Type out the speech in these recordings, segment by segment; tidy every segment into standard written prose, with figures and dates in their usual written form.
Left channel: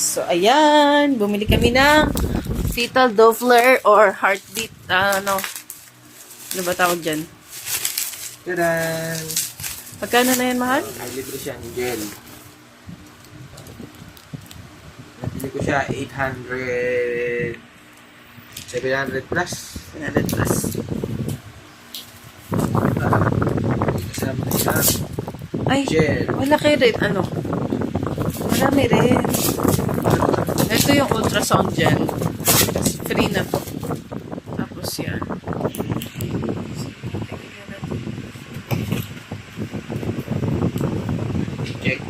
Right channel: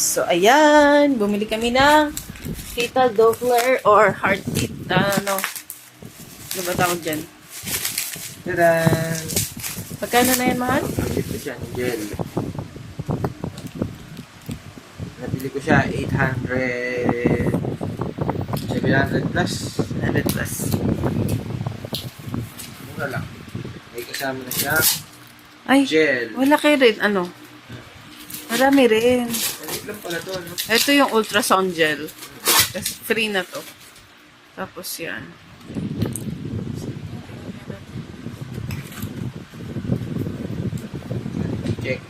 So, ayan. Bumili kami ng fetal Doppler or heartbeat. Ano ba tawag dyan? Tadaan! Pagkano na yan, mahal? Nabili ko siya ng gel. Nabili ko siya 800... 700 plus. 100 plus. Hindi kasama na siya. Ay, Gel. wala kayo rin. Ano? Marami rin. Ito yung ultrasound gel. Tapos free na to. Tapos yan. Check.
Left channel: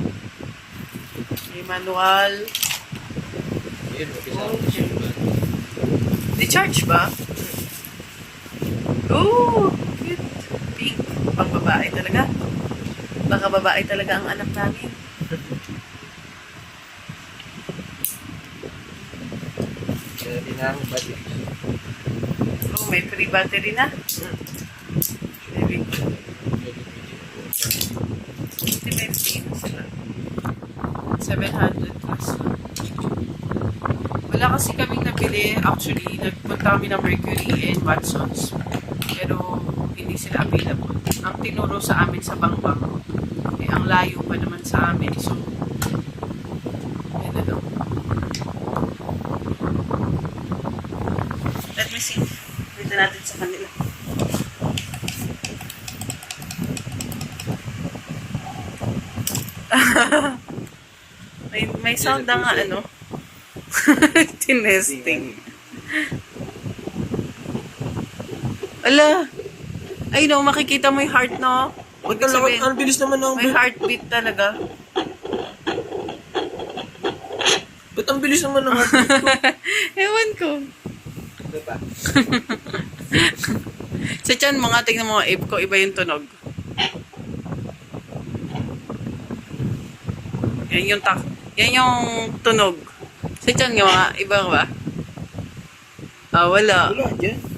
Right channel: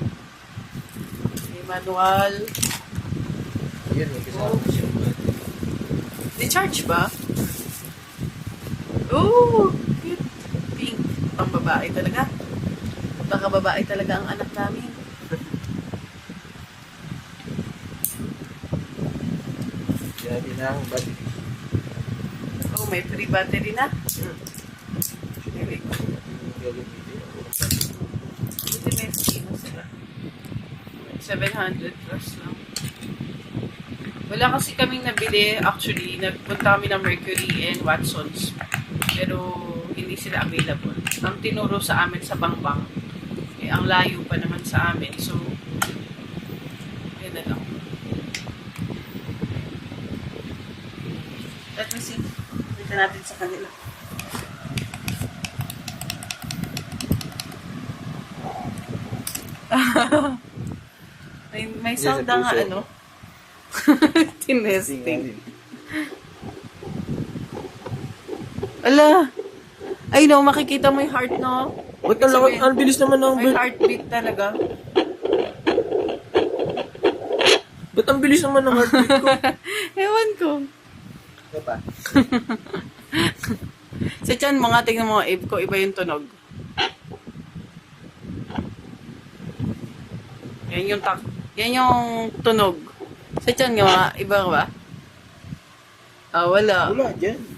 May manual. Ayun, may kasama na siya. Di-charge ba? Oh, cute. Pink. Pang babae talaga. Baka babae talaga ang anak namin. Kaya din ang body. Oh, may free battery na. Maybe. Buti may free na sila. 700 plus lang. Wala kasi kaming nabili. Actually, nagpunta kami ng Mercury and Watsons. Pero hindi sila available. Ang tinuro sa amin sa Bangbang. Eh, ang layo pa naman sa amin. So, yan na lang. Let me see. Dito natin sa kanila. may sound na nga ano. Tinesting. Ala! Ay no, makikita mo yung heart, no? Wag ka lang, ang bilis naman ng... May heartbeat talaga. Ba't ang bilis naman ng heartbeat ko? Ewan ko. Ano pa? Sa tiyan, mga tingnan mo, Abe ko, iba yung tunog. Yan yung tunog. Sa tiyan nga, mga iba ba? Ah, wala. Wala, dyan.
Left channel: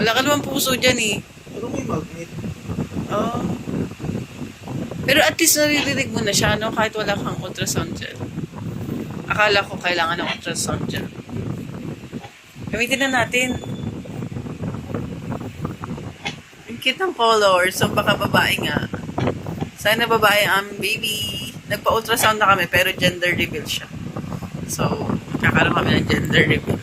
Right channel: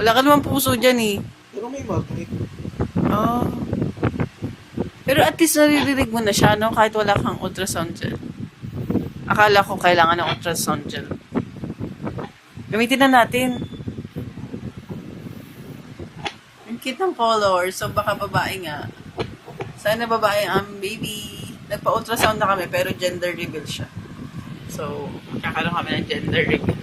Wala ka naman puso dyan eh. Pero may magnet. Oh. Pero at least naririnig mo na siya, no? Kahit wala kang ultrasound gel. Akala ko kailangan ng ultrasound gel. Gamitin na natin. Ang cute ng colors. So, baka babae nga. Sana babae ang baby. Nagpa-ultrasound na kami, pero gender reveal siya. So, magkakaroon kami ng gender reveal.